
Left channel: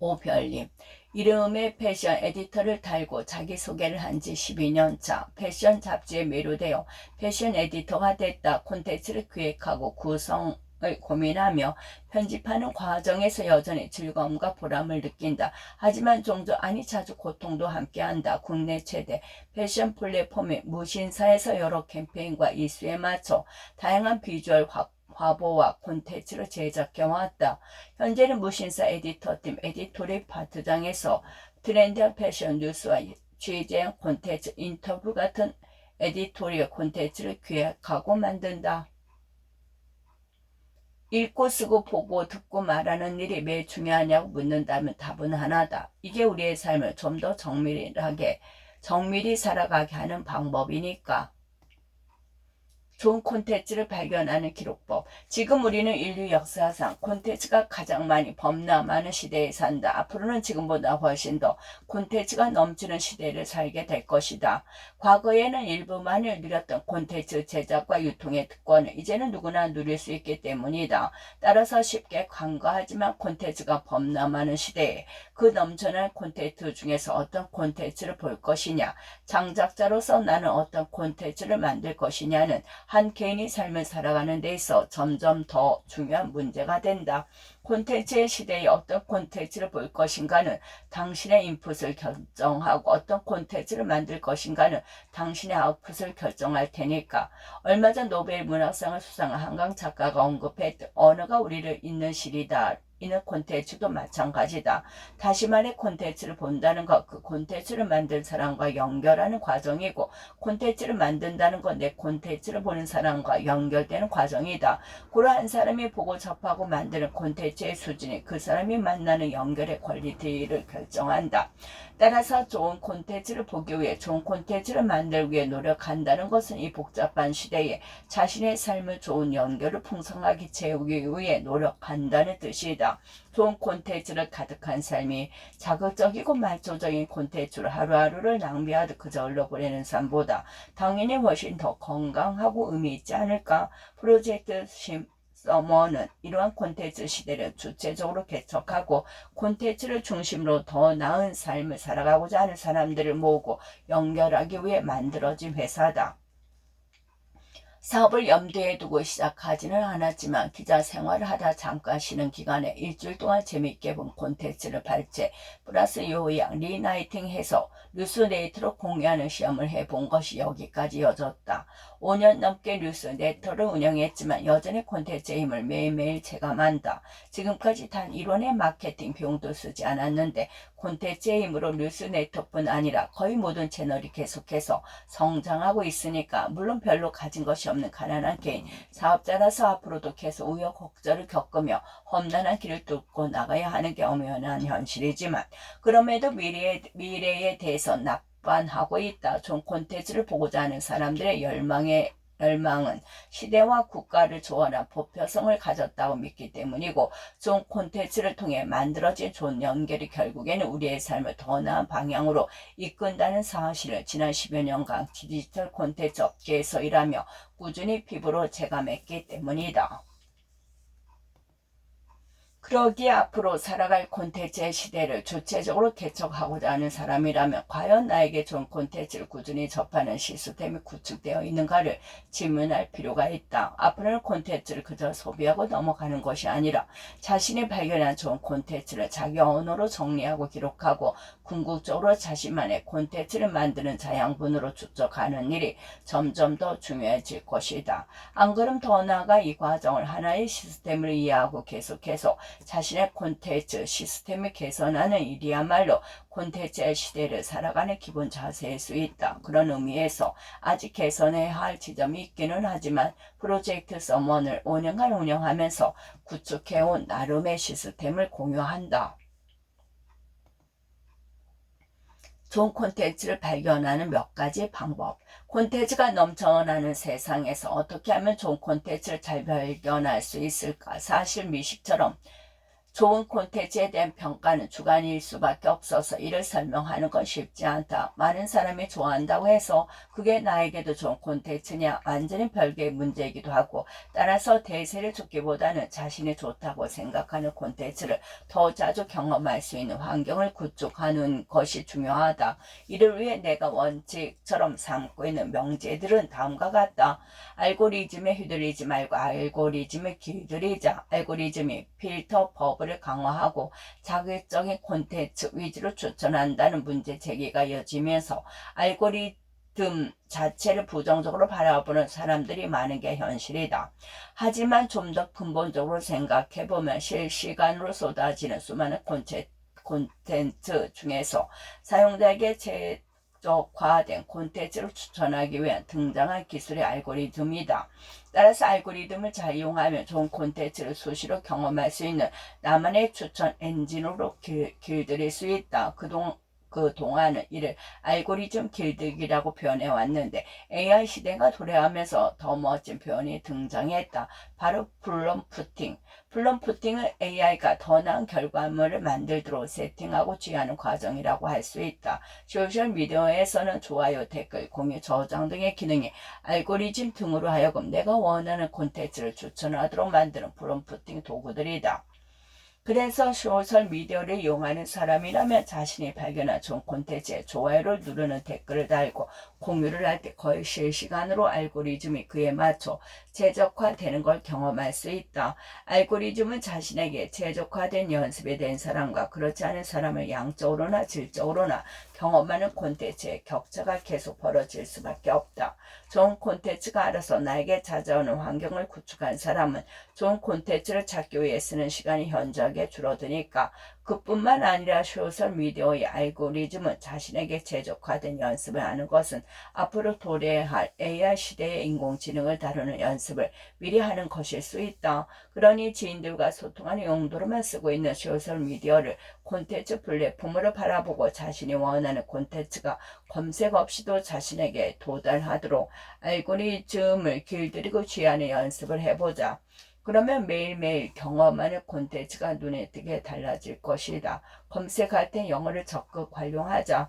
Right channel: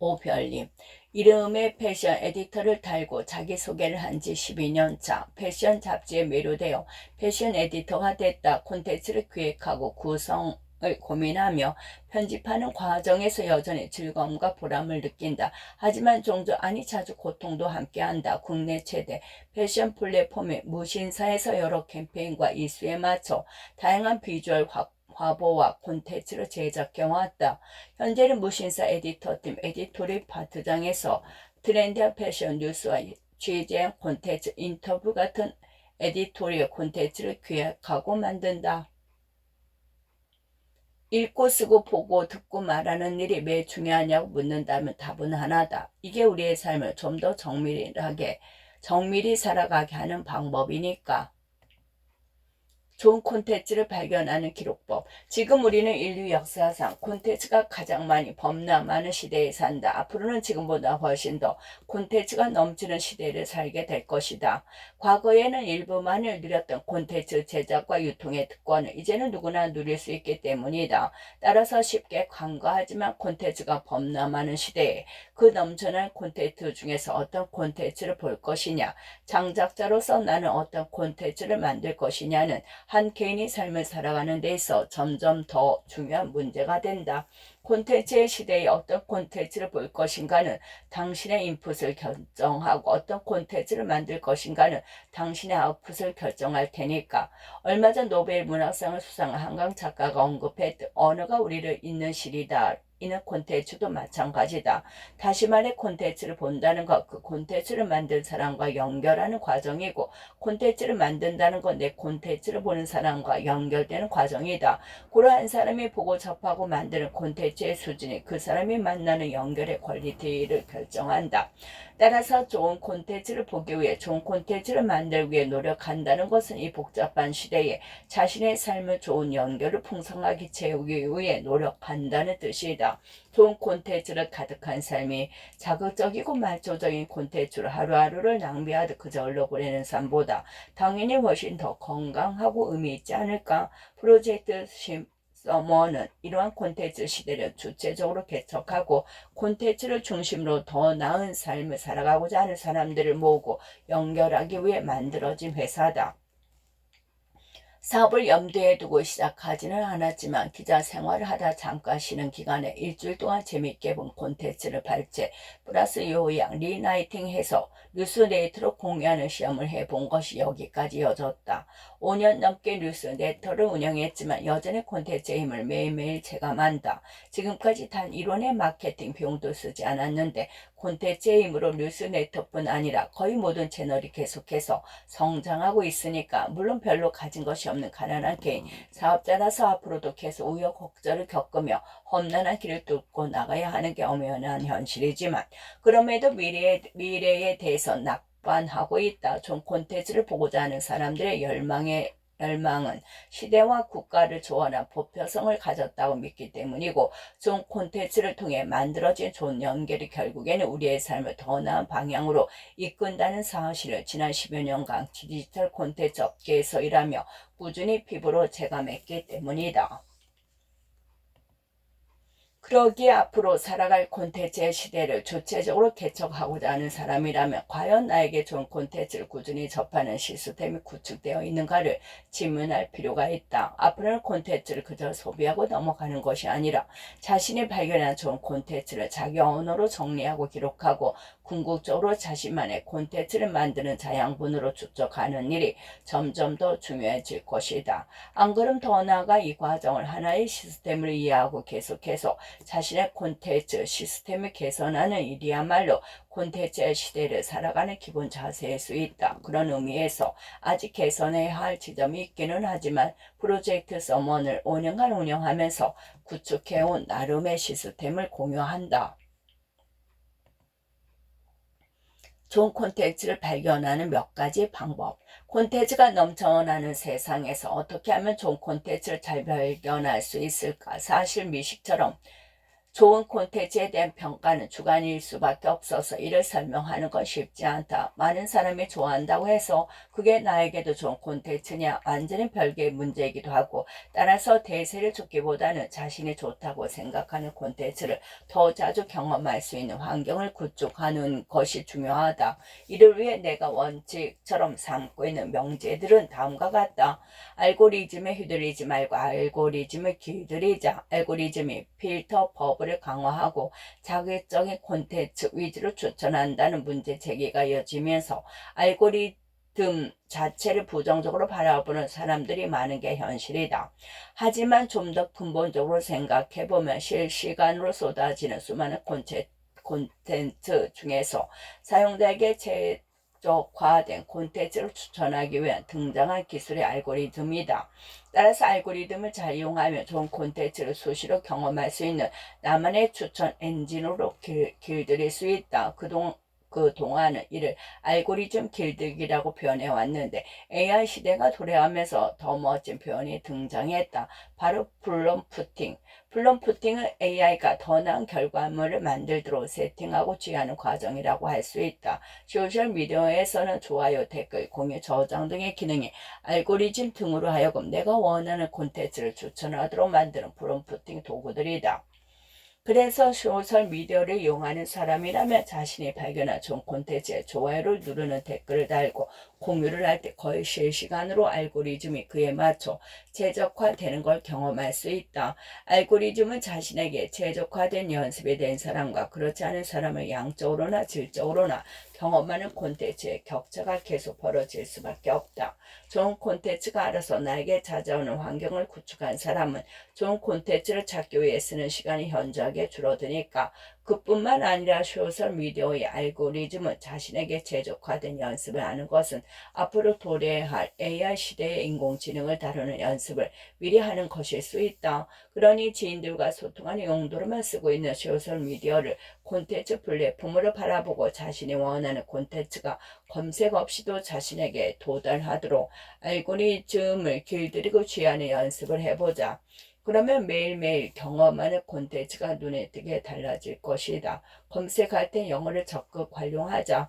오별님, 이름에 패션 에디터를 달고 자기소개를 한 지 12년 차. 패션 잡지에 매료되어 패션 에디터가 됐다. 콘텐츠를 기획하고 구성을 고민하며 편집하는 과정에서 여전히 즐거움과 보람을 느낀다. 하지만 종종 아니 자주 고통도 함께한다. 국내 최대 패션 플랫폼인 무신사에서 여러 캠페인과 이슈에 맞춰 다양한 비주얼 화보와 콘텐츠를 제작해왔다. 현재는 무신사 에디터팀 에디토리 파트장에서 트렌디한 패션 뉴스와 취재 콘텐츠, 인터뷰 같은 에디토리얼 콘텐츠를 기획하고 만든다. 읽고 쓰고 보고 듣고 말하는 일이 왜 중요하냐고 묻는다면 답은 하나다. 이게 우리의 삶을 좀 더 정밀히 살아가게 하는 방법이니까. 좋은 콘텐츠를 발견하는 기록법. 지금 우리는 인류 역사상 콘텐츠가 가장 많이 범람하는 시대에 산다. 앞으로는 지금보다 훨씬 더 콘텐츠가 넘치는 시대를 살게 될 것이다. 과거에는 일부만을 누렸던 콘텐츠 제작과 유통의 특권을 이제는 누구나 누릴 수 있기 때문이다. 따라서 쉽게 간과하지만 콘텐츠가 범람하는 시대에 그 넘쳐난 콘텐츠 중에서 어떤 콘텐츠를 볼 것이냐, 장작자로서 나는 어떤 콘텐츠를 만들 것이냐는 한 개인이 삶을 살아가는 데 있어 점점 더 중요한 문제가 된다. 콘텐츠의 시대에 어떤 콘텐츠를 볼 것인가는 당신의 인풋을 결정하고 어떤 콘텐츠를 만들 것인가는 당신의 아웃풋을 결정할 테니까. 얼마 전 노벨 문학상을 수상한 한강 작가가 언급했듯 언어가 우리를 잇는 실이다. 이는 콘텐츠도 마찬가지다. 다시 말해 콘텐츠를 본다는 것, 그 콘텐츠를 만든 사람과 연결하는 과정이고 콘텐츠를 만든다는 것, 내 콘텐츠를 보는 사람과 연결되는 과정이다. 그러한 사람이 보고 접하고 만드는 콘텐츠의 수준이 그 사람이 만나는 연결의 퀄리티를 결정한다. 따라서 좋은 콘텐츠를 보기 위해 좋은 콘텐츠를 만들기 위해 노력한다는 것은 이 복잡한 시대에 자신의 삶을 좋은 연결을 풍성하게 채우기 위해 노력한다는 뜻이다. 좋은 콘텐츠를 가득한 삶이 자극적이고 말초적인 콘텐츠로 하루하루를 낭비하듯 그저 흘러보내는 삶보다 당연히 훨씬 더 건강하고 의미 있지 않을까. 프로젝트 서머는 이러한 콘텐츠 시대를 주체적으로 개척하고 콘텐츠를 중심으로 더 나은 삶을 살아가고자 하는 사람들을 모으고 연결하기 위해 만들어진 회사다. 사업을 염두에 두고 시작하지는 않았지만 기자 생활을 하다 잠깐 쉬는 기간에 일주일 동안 재밌게 본 콘텐츠를 발제 플러스 요약 리라이팅해서 뉴스레이터로 공유하는 시험을 해본 것이 여기까지 이어졌다. 5년 넘게 뉴스레이터를 운영했지만 여전히 콘텐츠의 힘을 매일매일 체감한다. 지금까지 단 1원의 마케팅 비용도 쓰지 않았는데 콘텐츠의 힘으로 뉴스레이터뿐 아니라 거의 모든 채널이 계속해서 성장하고 있으니까 물론 별로 가진 것이 없는 가난한 개인 사업자라서 앞으로도 계속 우여곡절을 겪으며 험난한 길을 뚫고 나가야 하는 게 엄연한 현실이지만 그럼에도 미래에 대해서 낙관하고 있다. 좋은 콘텐츠를 보고자 하는 사람들의 열망은 시대와 국가를 초월한 보편성을 가졌다고 믿기 때문이고 좋은 콘텐츠를 통해 만들어진 좋은 연결이 결국에는 우리의 삶을 더 나은 방향으로 이끈다는 사실을 지난 10여 년간 디지털 콘텐츠 업계에서 일하며 꾸준히 피부로 체감했기 때문이다. 그러기에 앞으로 살아갈 콘텐츠의 시대를 주체적으로 개척하고자 하는 사람이라면 과연 나에게 좋은 콘텐츠를 꾸준히 접하는 시스템이 구축되어 있는가를 질문할 필요가 있다. 앞으로는 콘텐츠를 그저 소비하고 넘어가는 것이 아니라 자신이 발견한 좋은 콘텐츠를 자기 언어로 정리하고 기록하고 궁극적으로 자신만의 콘텐츠를 만드는 자양분으로 축적하는 일이 점점 더 중요해질 것이다. 안 그럼 더 나아가 이 과정을 하나의 시스템을 이해하고 계속해서 자신의 콘텐츠 시스템을 개선하는 일이야말로 콘텐츠의 시대를 살아가는 기본 자세일 수 있다. 그런 의미에서 아직 개선해야 할 지점이 있기는 하지만 프로젝트 서먼을 5년간 운영하면서 구축해온 나름의 시스템을 공유한다. 좋은 콘텐츠를 발견하는 몇 가지 방법. 콘텐츠가 넘쳐나는 세상에서 어떻게 하면 좋은 콘텐츠를 잘 발견할 수 있을까? 사실 미식처럼 좋은 콘텐츠에 대한 평가는 주관일 수밖에 없어서 이를 설명하는 건 쉽지 않다. 많은 사람이 좋아한다고 해서 그게 나에게도 좋은 콘텐츠냐? 완전히 별개의 문제이기도 하고, 따라서 대세를 쫓기보다는 자신이 좋다고 생각하는 콘텐츠를 더 자주 경험할 수 있는 환경을 구축하는 것이 중요하다. 이를 위해 내가 원칙처럼 삼고 있는 명제들은 다음과 같다. 알고리즘에 휘둘리지 말고 알고리즘을 길들이자. 알고리즘이 필터 버블을 강화하고 자극적인 콘텐츠 위주로 추천한다는 문제 제기가 이어지면서 알고리즘 자체를 부정적으로 바라보는 사람들이 많은 게 현실이다. 하지만 좀 더 근본적으로 생각해보면 실시간으로 쏟아지는 수많은 콘텐츠 중에서 사용자에게 최적화된 콘텐츠를 추천하기 위한 등장한 기술의 알고리즘이다. 따라서 알고리즘을 잘 이용하면 좋은 콘텐츠를 수시로 경험할 수 있는 나만의 추천 엔진으로 길들일 수 있다. 그동안은 이를 알고리즘 길들기라고 표현해 왔는데 AI 시대가 도래하면서 더 멋진 표현이 등장했다. 바로 플럼프팅. 플럼프팅은 AI가 더 나은 결과물을 만들도록 세팅하고 취하는 과정이라고 할 수 있다. 소셜미디어에서는 좋아요, 댓글, 공유, 저장 등의 기능이 알고리즘 등으로 하여금 내가 원하는 콘텐츠를 추천하도록 만드는 프롬프팅 도구들이다. 그래서 소셜미디어를 이용하는 사람이라면 자신이 발견한 좋은 콘텐츠에 좋아요를 누르는 댓글을 달고 공유를 할 때 거의 실시간으로 알고리즘이 그에 맞춰 최적화되는 걸 경험할 수 있다. 알고리즘은 자신에게 최적화된 연습에 대한 사람과 그렇지 않은 사람을 양적으로나 질적으로나 경험하는 콘텐츠의 격차가 계속 벌어질 수밖에 없다. 좋은 콘텐츠가 알아서 나에게 찾아오는 환경을 구축한 사람은 좋은 콘텐츠를 찾기 위해 쓰는 시간이 현저하게 줄어드니까 그뿐만 아니라 소셜미디어의 알고리즘은 자신에게 최적화된 연습을 하는 것은 앞으로 도래할 AI 시대의 인공지능을 다루는 연습을 미리 하는 것일 수 있다. 그러니 지인들과 소통하는 용도로만 쓰고 있는 소셜미디어를 콘텐츠 플랫폼으로 바라보고 자신이 원하는 콘텐츠가 검색 없이도 자신에게 도달하도록 알고리즘을 길들이고 취하는 연습을 해보자. 그러면 매일매일 경험하는 콘텐츠가 눈에 띄게 달라질 것이다. 검색할 때 영어를 적극 활용하자.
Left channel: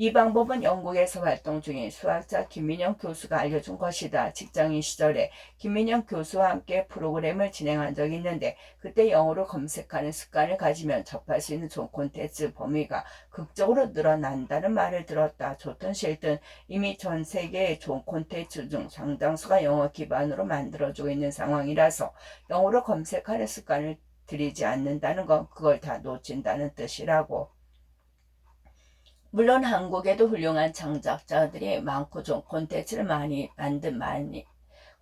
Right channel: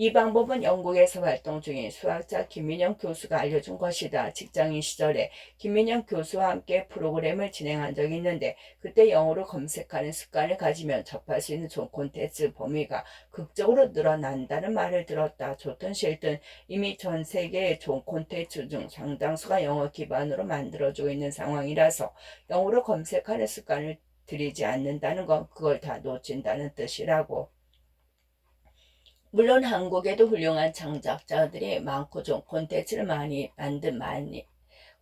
이 방법은 영국에서 활동 중인 수학자 김민영 교수가 알려준 것이다. 직장인 시절에 김민영 교수와 함께 프로그램을 진행한 적이 있는데 그때 영어로 검색하는 습관을 가지면 접할 수 있는 좋은 콘텐츠 범위가 극적으로 늘어난다는 말을 들었다. 좋든 싫든 이미 전 세계의 좋은 콘텐츠 중 상당수가 영어 기반으로 만들어지고 있는 상황이라서 영어로 검색하는 습관을 들이지 않는다는 건 그걸 다 놓친다는 뜻이라고. 물론 한국에도 훌륭한 창작자들이 많고 좋은 콘텐츠를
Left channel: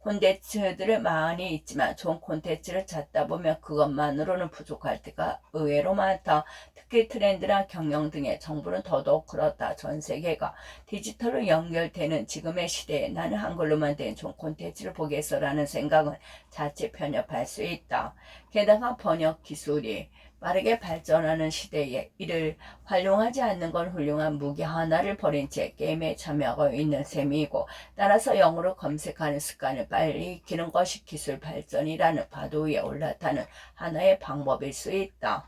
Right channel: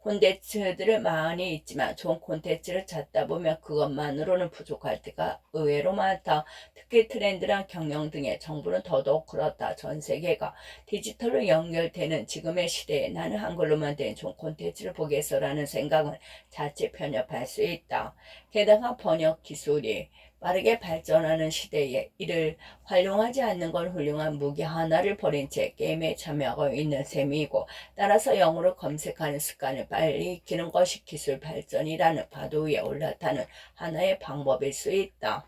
콘텐츠들을 많이 있지만 좋은 콘텐츠를 찾다 보면 그것만으로는 부족할 때가 의외로 많다. 특히 트렌드나 경영 등의 정보는 더더욱 그렇다. 전 세계가 디지털로 연결되는 지금의 시대에 나는 한글로만 된 좋은 콘텐츠를 보겠어라는 생각은 자칫 편협할 수 있다. 게다가 번역 기술이 빠르게 발전하는 시대에 이를 활용하지 않는 건 훌륭한 무기 하나를 버린 채 게임에 참여하고 있는 셈이고 따라서 영어로 검색하는 습관을 빨리 익히는 것이 기술 발전이라는 파도 위에 올라타는 하나의 방법일 수 있다.